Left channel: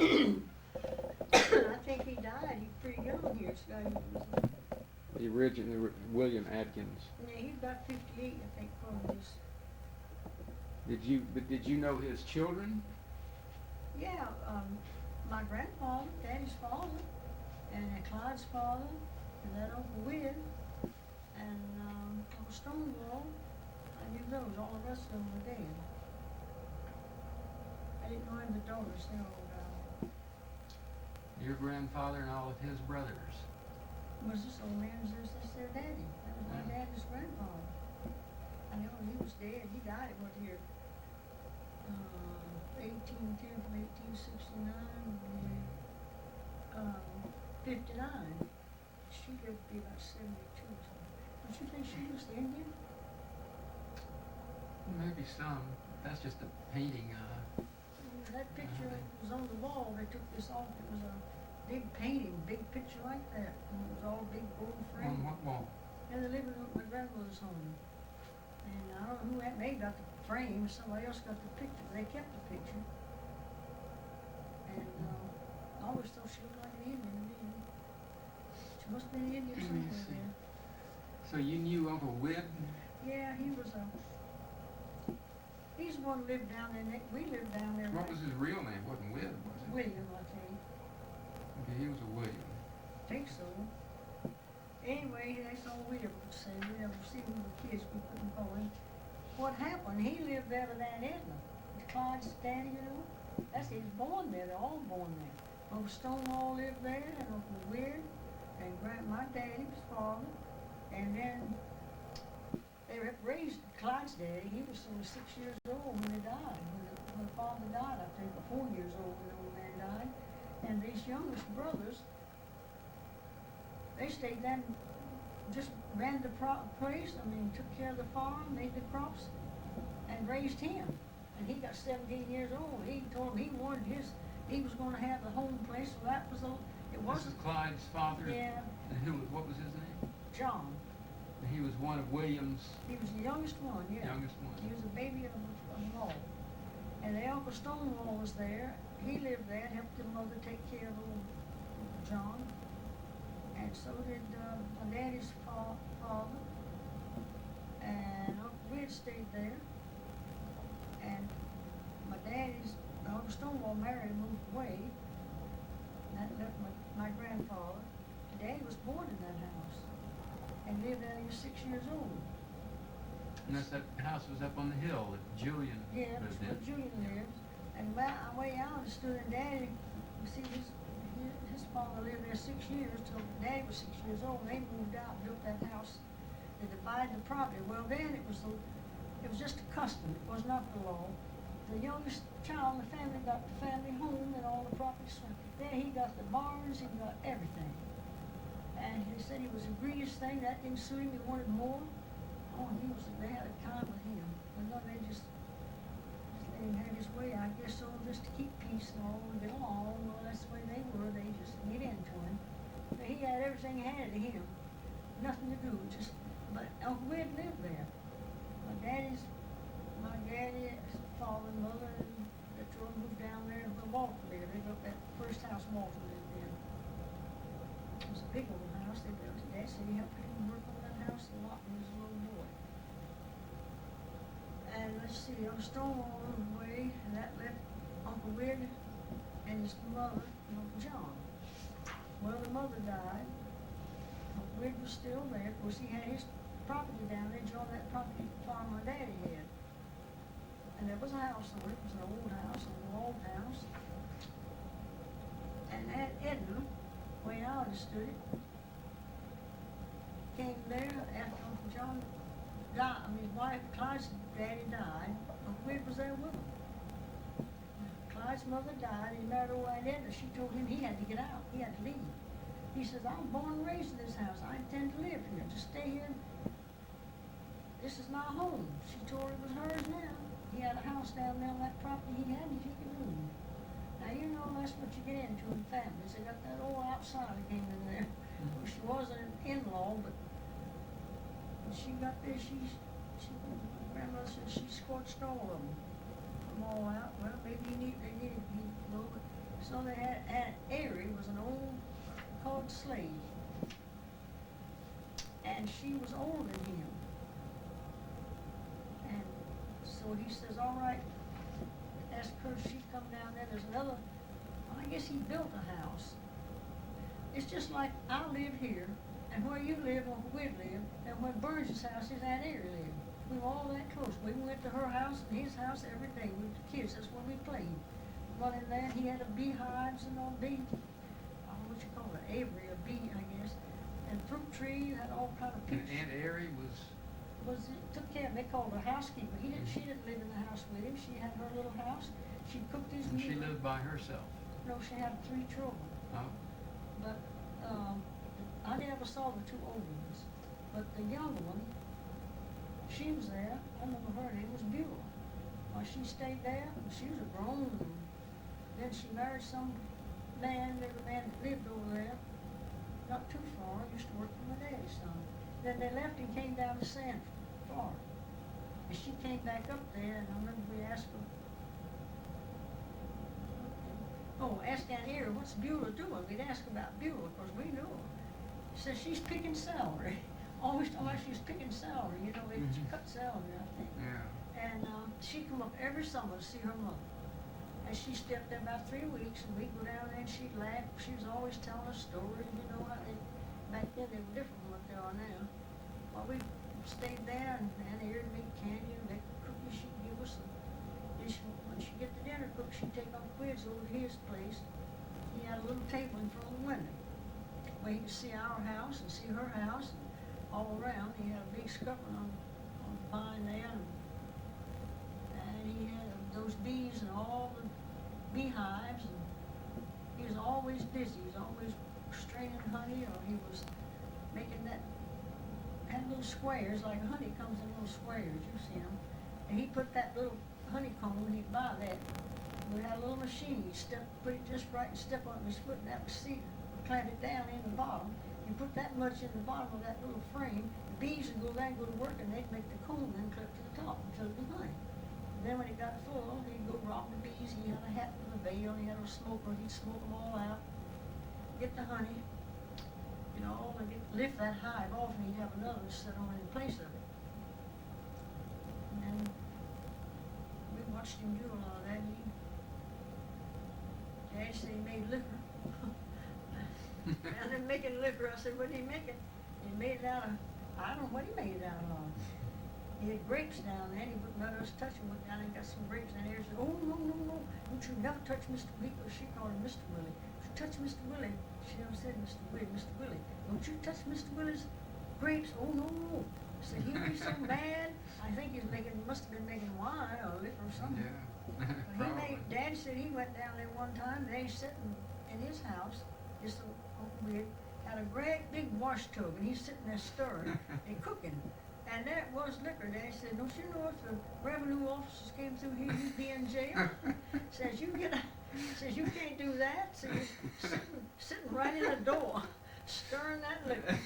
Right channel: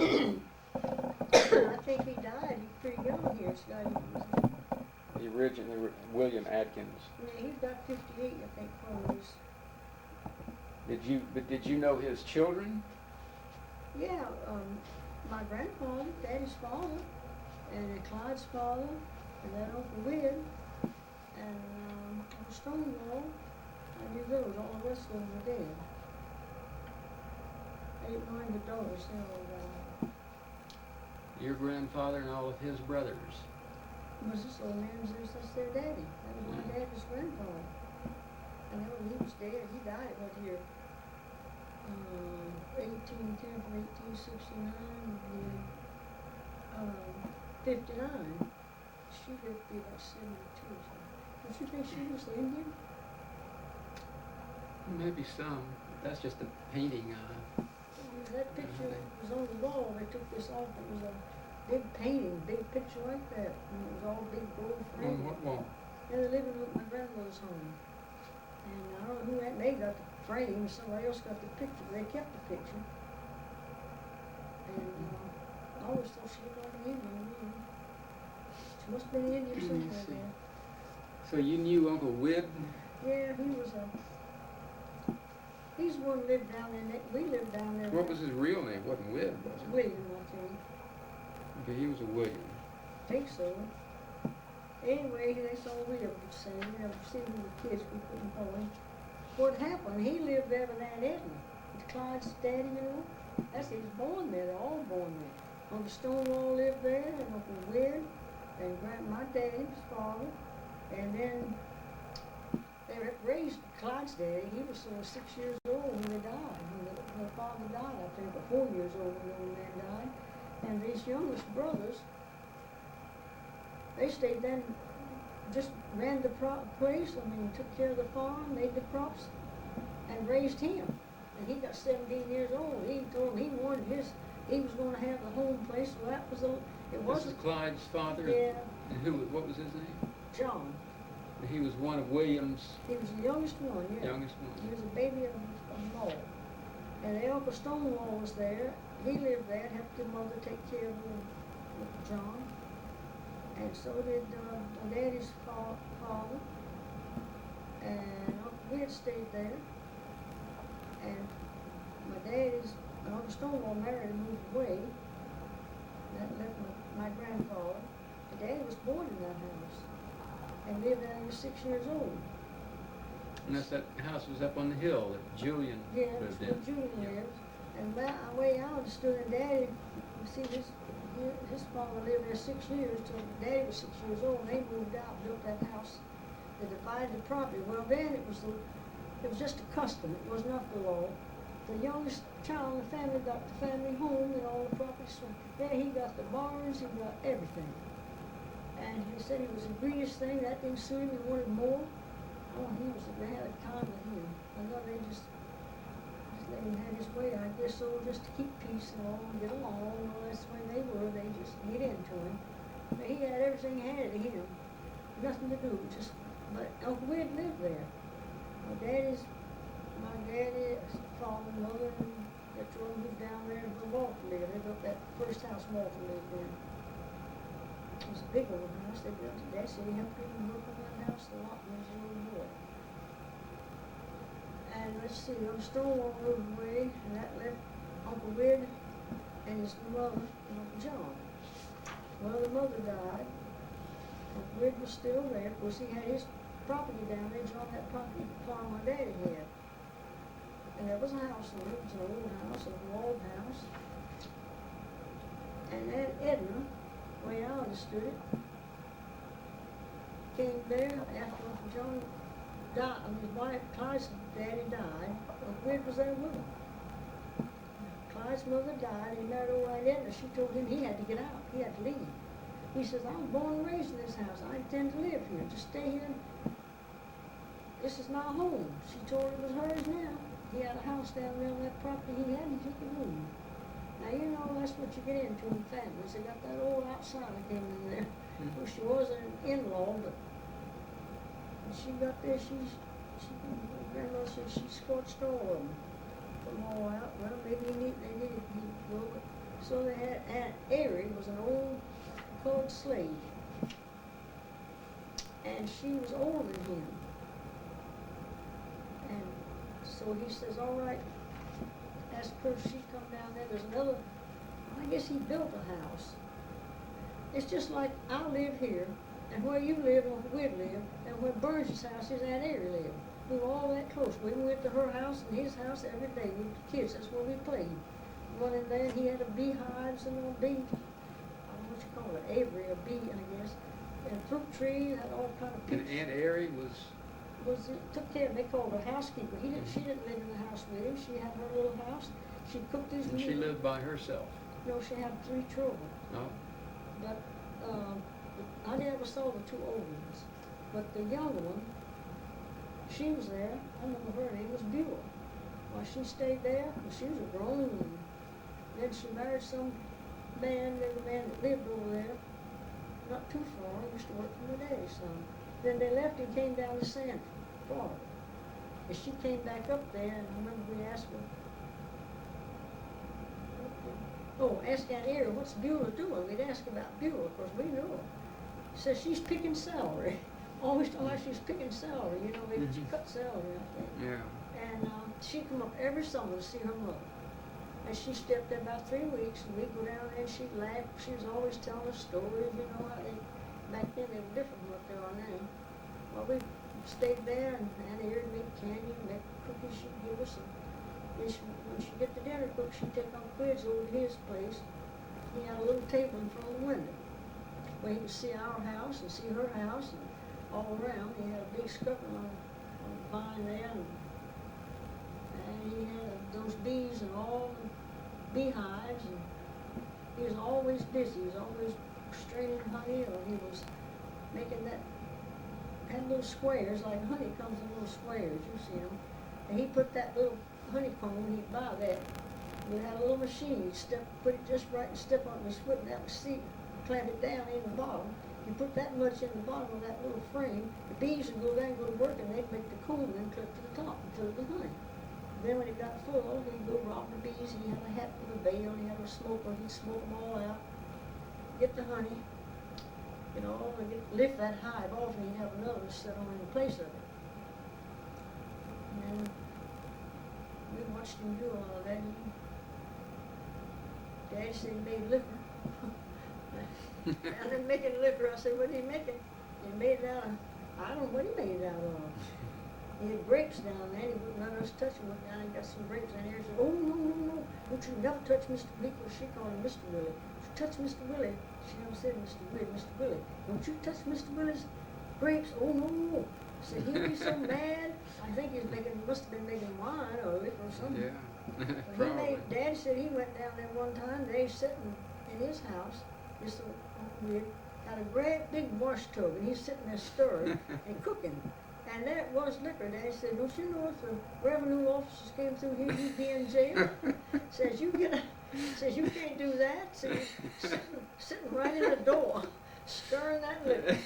I think he died. He's pretty young here. This guy he was. The original William Adkins. Yeah, he's about 58, I think, probably. Did you know his children? Yeah, my grandfather, Daddy's father, and Clyde's father, and then Uncle Wid, and Uncle Stonewall. I knew those. All the rest of them were dead. I didn't know any of the daughters. They all died. Your grandfather and all of his brothers. Was this old man's? That's their daddy. That was my daddy's grandfather. I know he was dead. He died at what year? 1810 from 1869 to 59. She lived to be about 72 or something. Don't you think she was Indian? Maybe some. That's just a painting. That picture was on the wall. They took this off. It was a big painting, big picture like that. And it was all big gold frame. On what wall? Yeah, they're living with my grandmother's home. And I don't know who that may got the frame. Somebody else got the picture, but they kept the picture. And I always thought she looked like an Indian to me. She must have been Indian somewhere there. So you knew Uncle Wib? Yeah, he was he's the one who lived down there. We lived down there. What was his real name? It wasn't Wib, was it? William, I think. Okay, he was a William. I think so. Anyway, that's all we ever could say. We never see we were kids. We couldn't call him. What happened? He lived there with Aunt Edna, with Clyde's daddy, you know. That's he's born there. They're all born there. Uncle Stonewall lived there, and Uncle Weird, and my daddy's father, and then they raised Clyde's daddy. He was only 6 years old when they died. When the father died, I think, or 4 years old when the old man died. And these youngest brothers, they stayed then, just ran the place. I mean, took care of the farm, made the crops, and raised him. And he got 17 years old. He told him he wanted he was going to have the home place. So that was it wasn't. This is Clyde's father? Yeah. And what was his name? John. He was one of William's. He was the youngest one, yeah. Youngest one. He was a baby of them all. And the Uncle Stonewall was there. He lived there and helped your mother take care of little John. And so did my daddy's father. And Uncle Wid stayed there. And my daddy's, Uncle Stonewall married and moved away. That left my grandfather. My daddy was born in that house and lived there. He was 6 years old. And that house was up on the hill that Julian lived in. Where Julian lived. And the way I understood it, Daddy, you see, his father lived there 6 years till Daddy was 6 years old. And they moved out, built that house. They divided the property. Well, then it was just a custom. It was not the law. The youngest child in the family got the family home and all the property. Then he got the barns. He got everything. And he said he was the greediest thing. That didn't suit him. He wanted more. Oh, they had a time with him. But no, they just let him have his way. I guess so, just to keep peace and all and get along. Well, that's the way they were. They just get into him. But he had everything handed to him. Nothing to do. But Uncle Wid lived there. My daddy's father and mother, and the two of them moved down there where Walter lived. They built that first house Walter lived in. It was a big old house. They built it. They said he helped him work on that house a lot when he was a little boy. And let's see, Uncle Stonewall moved away, and that left Uncle Wid and his mother and Uncle John. Well, the mother died. Uncle Wid was still there. Of course, he had his property down there, joined that property farm my daddy had. And there was a house on it. It was an old house, a walled house. And Aunt Edna, the way I understood it, came there after Uncle John died. I mean, his wife, Clyde's daddy died. Uncle Wid was there with him. Clyde's mother died. He married old Aunt Edna. She told him he had to get out. He had to leave. He says, I'm born and raised in this house. I intend to live here. Just stay here. This is my home. She told him it was hers now. He had a house down there on that property he had, and he could move. Now, you know, that's what you get into in families. They got that old outsider came in there. Well, she wasn't an in-law, but she got there, my grandmother said she scorched all of them. Put them all out. Well, maybe they needed to go, but So they had Aunt Airy was an old colored slave, and she was older than him. And so he says, all right, ask her if she'd come down there. There's another, well, I guess he built a house. It's just like I live here, and where you live and where we'd live, and where Burns' house is Aunt Airy lived. We were all that close. We went to her house and his house every day. We were kids, that's where we played. Running there, he had a beehives and all bee, I don't know what you call it, aviary, a bee, I guess. And fruit trees, had all kind of And peaches. Aunt Airy was, Took care, they called her housekeeper. She didn't live in the house with him. She had her little house. She cooked his and meals. she lived by herself. No, she had 3 children. Oh, But I never saw the 2 older ones. But the younger one, she was there. I remember her name was Beulah. Well, she stayed there, and she was a grown woman. Then she married some man, the man that lived over there, not too far. Used to work for my daddy's son. Then they left and came down to Sanford, Florida. And she came back up there, and I remember we asked her, asked Aunt Airy, what's Beulah doing? We'd ask about Beulah, of course, we knew her. She said she's picking celery. Always told like she's picking celery, you know, she cut celery, I think. yeah. And she'd come up every summer to see her mother. And she stepped there about 3 weeks, and we'd go down there and she'd laugh. She was always telling us stories, you know, how they, back then they were different from what they are now. Well, we stayed there, and Aunt Airy would make candy and make cookies. She'd give us some. When she'd get the dinner cooked, she'd take Uncle Quids over to his place. He had a little table in front of the window where he could see our house and see her house and all around. He had a big scupper on the vine there, and he had those bees and all the beehives, and he was always busy. He was always straining honey, or he was making had little squares, like honey comes in little squares, you've seen them. And he put that little honeycomb, he'd buy that. We had a little machine, he'd put it just right and step on his foot, and that would clamp it down in the bottom. You put that much in the bottom of that little frame, the bees would go there and go to work, and they'd make the comb and clip to the top until it was honey. Then when it got full, he'd go rob the bees. He had a hat with a veil, he had a smoker, he'd smoke them all out, get the honey, you know, and lift that hive off, and he'd have another to sit on in place of it. And then we watched him do all of that. Daddy said he made liquor. Down there making liquor, I said, what did he make it? He made it out of, I don't know what he made it out of. He had grapes down there, and he wouldn't let us touch them. Went down and got some grapes in there. He said, oh, no, don't you never touch Mr. Willie, because she called him Mr. Willie. Don't you touch Mr. Willie. She never said Mr. Willie, Mr. Willie. Don't you touch Mr. Willie's grapes. Oh, no. Said he'd be so mad. I think he was must have been making wine or liquor or something. Yeah. But Daddy said he went down there one time. They sitting in his house, just Uncle Weird, had a great big wash tub, and he's sitting there stirring and cooking. And that was liquor. Daddy said, don't you know if the revenue officers came through here, you'd be in jail? Says you can't do that. So you sitting right in the door, stirring that liquor.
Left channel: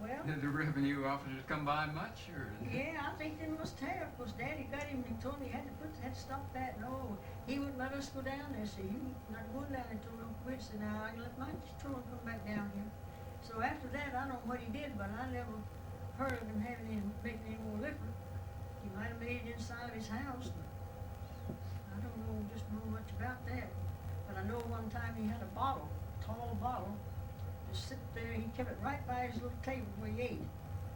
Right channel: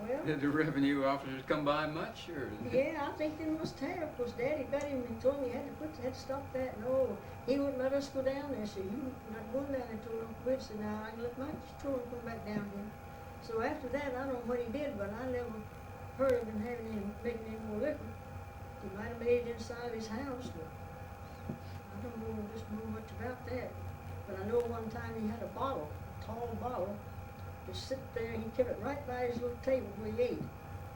Well, did the revenue officers come by much, or? Yeah, I think they must have, because Daddy got him and told me he had to stop that. No, he wouldn't let us go down there. So you're not going down there until Uncle Whit said, now I can let my children come back down here. So after that, I don't know what he did, but I never heard of him making any more liquor. He might have made it inside his house, but I don't know much about that. But I know one time he had a bottle, a tall bottle, to sit there. He kept it right by his little table where he ate,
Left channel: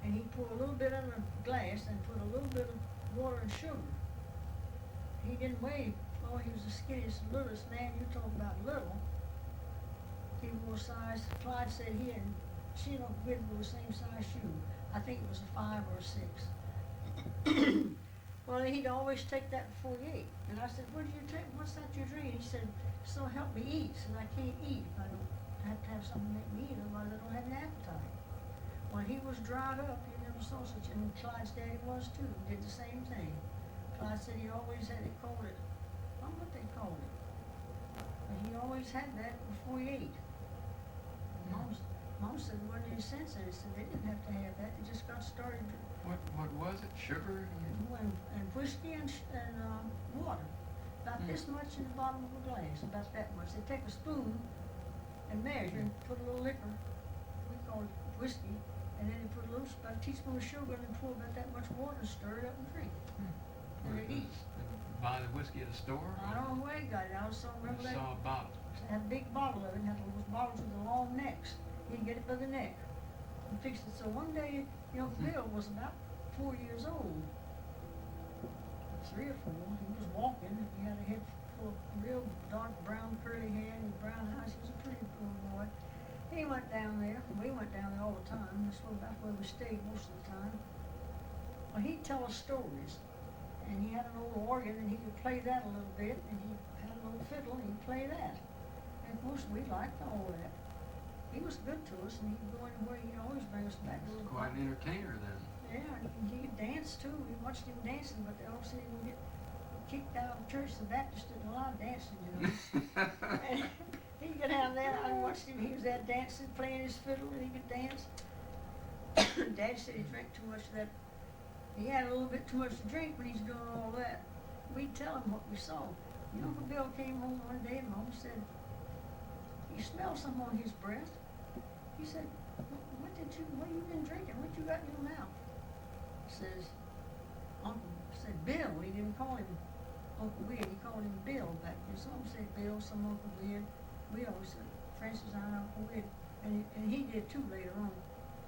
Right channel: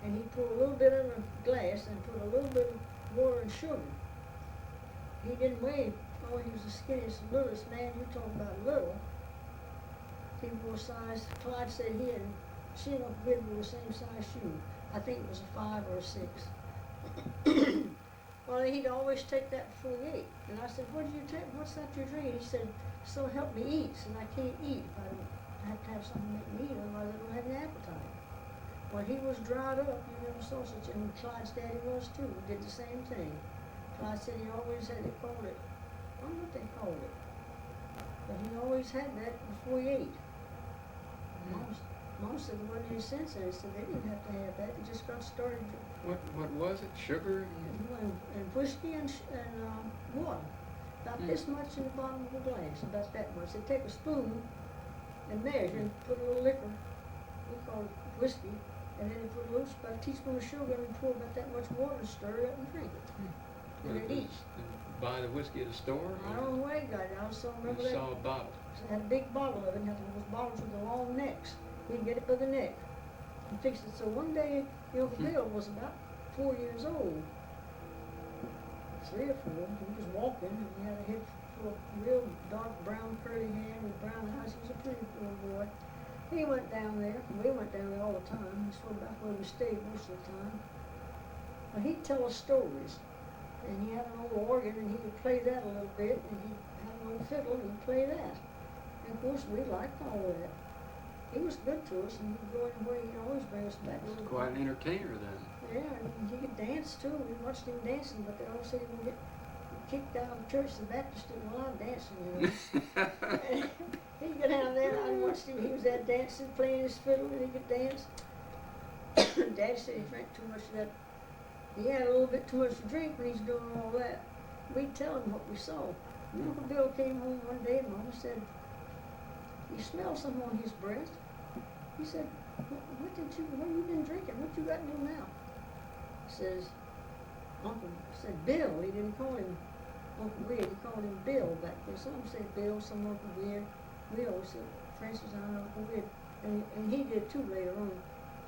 and he'd pour a little bit in a glass and put a little bit of water and sugar. He didn't weigh. Oh, he was the skinniest, littlest man. You talking about little? He wore size. Clyde said she and Uncle Whit wore the same size shoe. I think it was a 5 or a 6. Well, he'd always take that before he ate. And I said, what did you take? What's that you're drinking? He said, so help me eat. Said I can't eat if I don't have to have something to make me eat, otherwise I don't have any appetite. Well, he was dried up. You never saw such, and Clyde's daddy was too. He did the same thing. Clyde said he always had, they called it, I don't know what they called it, but he always had that before he ate. Mom said there wasn't any sense in it. Said they didn't have to have that. They just got started. What was it? Sugar? And whiskey and water. about this much in the bottom of a glass, about that much. They take a spoon and measure and put a little liquor, we call it whiskey, and then they put about a teaspoon of sugar and pour about that much water and stir it up and drink it. And they'd eat. Buy the whiskey at the store? I don't know where they got it. I also remember You that. saw a bottle. It had a big bottle of it, and had those bottles with the long necks. He'd get it by the neck and fix it. So one day, Uncle Bill was about 4 years old, 3 or 4. He was walking, and he had a head full of real dark brown curly hair and brown eyes. He was a pretty little boy. He went down there. We went down there all the time. That's about where we stayed most of the time. Well, he'd tell us stories. And he had an old organ, and he could play that a little bit, and he had an old fiddle, and he'd play that. And of course, we liked all that. He was good to us, and he'd go anywhere. He'd always bring us back a little. Quite an entertainer then. Yeah, and he could dance too. We watched him dancing, but they always said he was gonna get kicked out of church. The Baptists didn't allow dancing, you know. And he'd get down there. I watched him. He was there dancing, playing his fiddle, and he could dance. Daddy said he drank too much of that. He had a little bit too much to drink when he's doing all that. We'd tell him what we saw. And Uncle Bill came home one day and Mama said, he smelled something on his breath. He said, what have you been drinking? What you got in your mouth? Says, said Bill. He didn't call him Uncle Weird. He called him Bill back then. Some said Bill, some Uncle Weird. We always said, Francis, I know Uncle Weird. And he did too later on.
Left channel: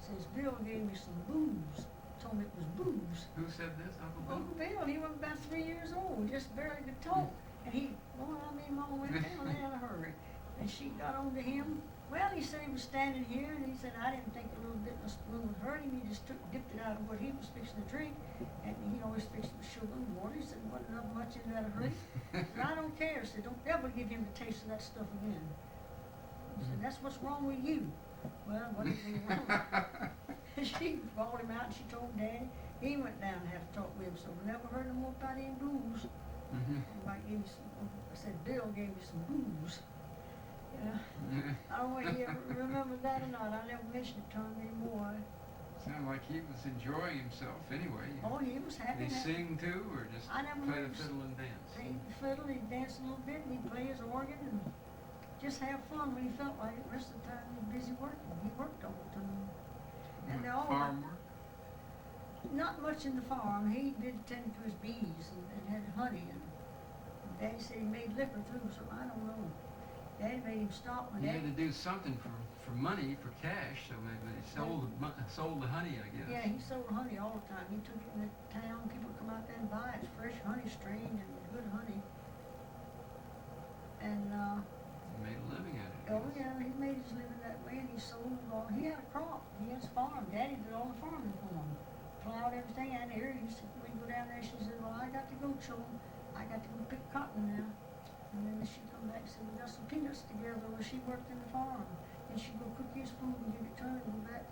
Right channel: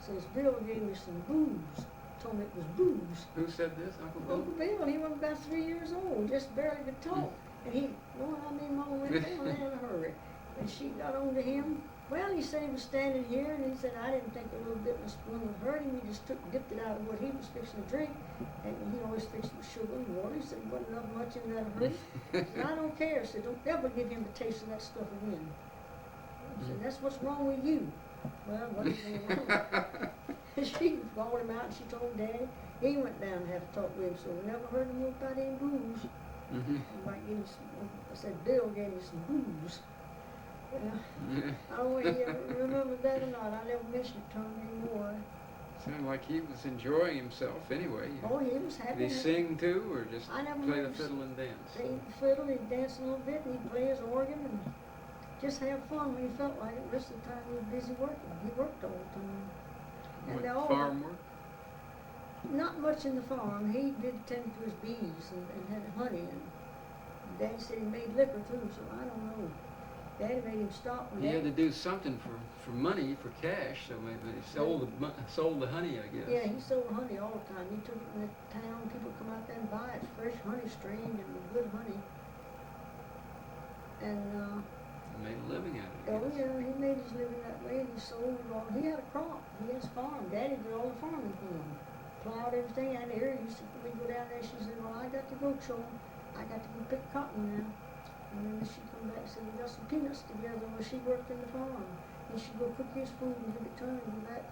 Says, Bill gave me some booze. Told me it was booze. Who said this, Uncle Bill? Uncle Bill. He was about 3 years old, just barely could talk. And Mama went down there in a hurry. And she got on to him. Well, he said he was standing here, and he said, I didn't think a little bit in a spoon would hurt him. He just dipped it out of what he was fixing to drink. And he always fixed it with sugar and water. He said, wasn't enough much in there to hurt him. He said, I don't care. He said, don't ever give him the taste of that stuff again. He said, that's what's wrong with you. Well, what is wrong with She called him out and she told Daddy. He went down and had to talk with him, so we never heard no more about any booze. I said, Bill gave me some booze. I don't know if he ever remembered that or not. I never mentioned it to him anymore. Sounded like he was enjoying himself anyway. Oh, he was happy. Did he sing too, or just play the heard fiddle and dance? Play the fiddle, he'd dance a little bit, and he'd play his organ and just have fun when he felt like it. The rest of the time he was busy working. He worked all the time. And farm work? Not much in the farm. He did tend to his bees and had honey. And Daddy said he made liquor too, so I don't know. Daddy made him stop. He had to do something for money, for cash, so maybe he sold the honey, I guess. Yeah, he sold honey all the time. He took it in the town. People come out there and buy it. It's fresh honey, strained and good honey. And made a living at it. Oh yeah, he made his living that way, and he sold all. He had a crop. He had a farm. Daddy did all the farming for him. Plowed everything. And Erin used to, we'd go down there. She said, "Well, I got to go, children. I got to go pick cotton now." And then she'd come back and say, "We got some peanuts together." Well, she worked in the farm. Then she'd go cook his food and give it to him, and go back,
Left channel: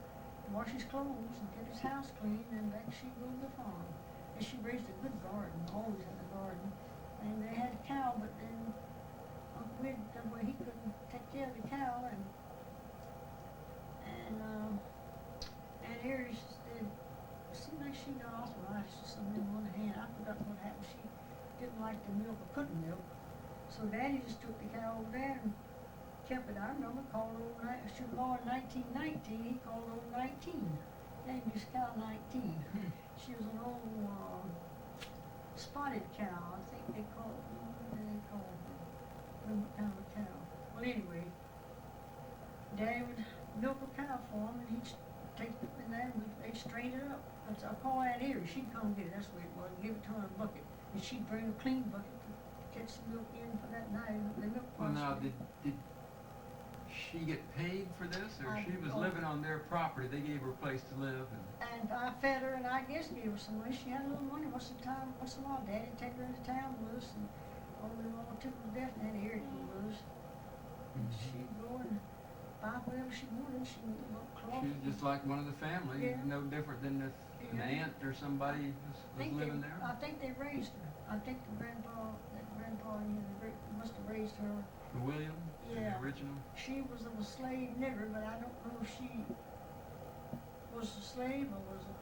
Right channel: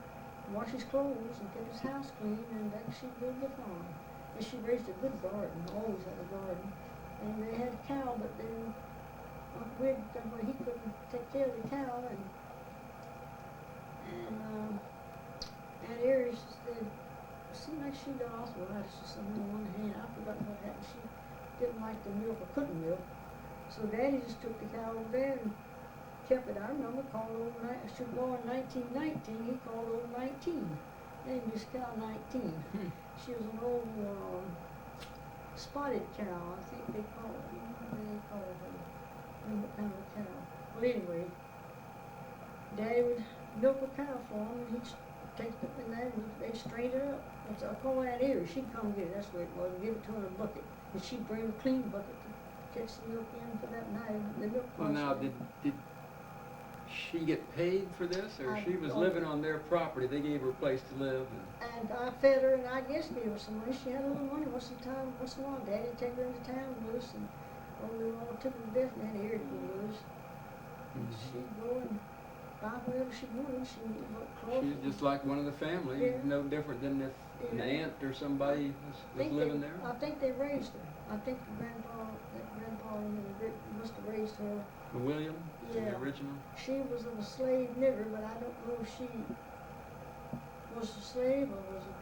wash his clothes, and keep his house clean. And back she'd go to the farm. And she raised a good garden. Always had a garden. And they had a cow, but then Uncle Weird got where he couldn't take care of the cow, and Aunt Erie said, it seemed like she got arthritis or something in one hand. I forgot what happened. She didn't like the milk or couldn't milk. So Daddy just took the cow over there and kept it. I remember called over, should born in 1919, he called over 19. Named this cow 19. She was an old spotted cow, I think they call it. What did they call her? What kind of a cow? Well, anyway, Daddy would milk a cow for him, and he'd take it in there, and they'd strain it up. I call Aunt Erie. She'd come get it. That's where it was. And give it to her in a bucket, and she'd bring a clean bucket to catch the milk in for that night. The milk. Well, now did she get paid for this, or she was don't living on their property? They gave her a place to live. And I fed her, and I guess gave her some money. She had a little money once in a while. Daddy'd take her into town with us, and we were all tickled to death, and Aunt Erie to go with us. And she'd go and buy whatever she wanted. She bought cloth. She's just like one of the family, no different than if an aunt or somebody was living there. I think they raised her. I think that grandpa, must have raised her. William, the original. She was of a slave nigger, but I don't know if she was a slave or was a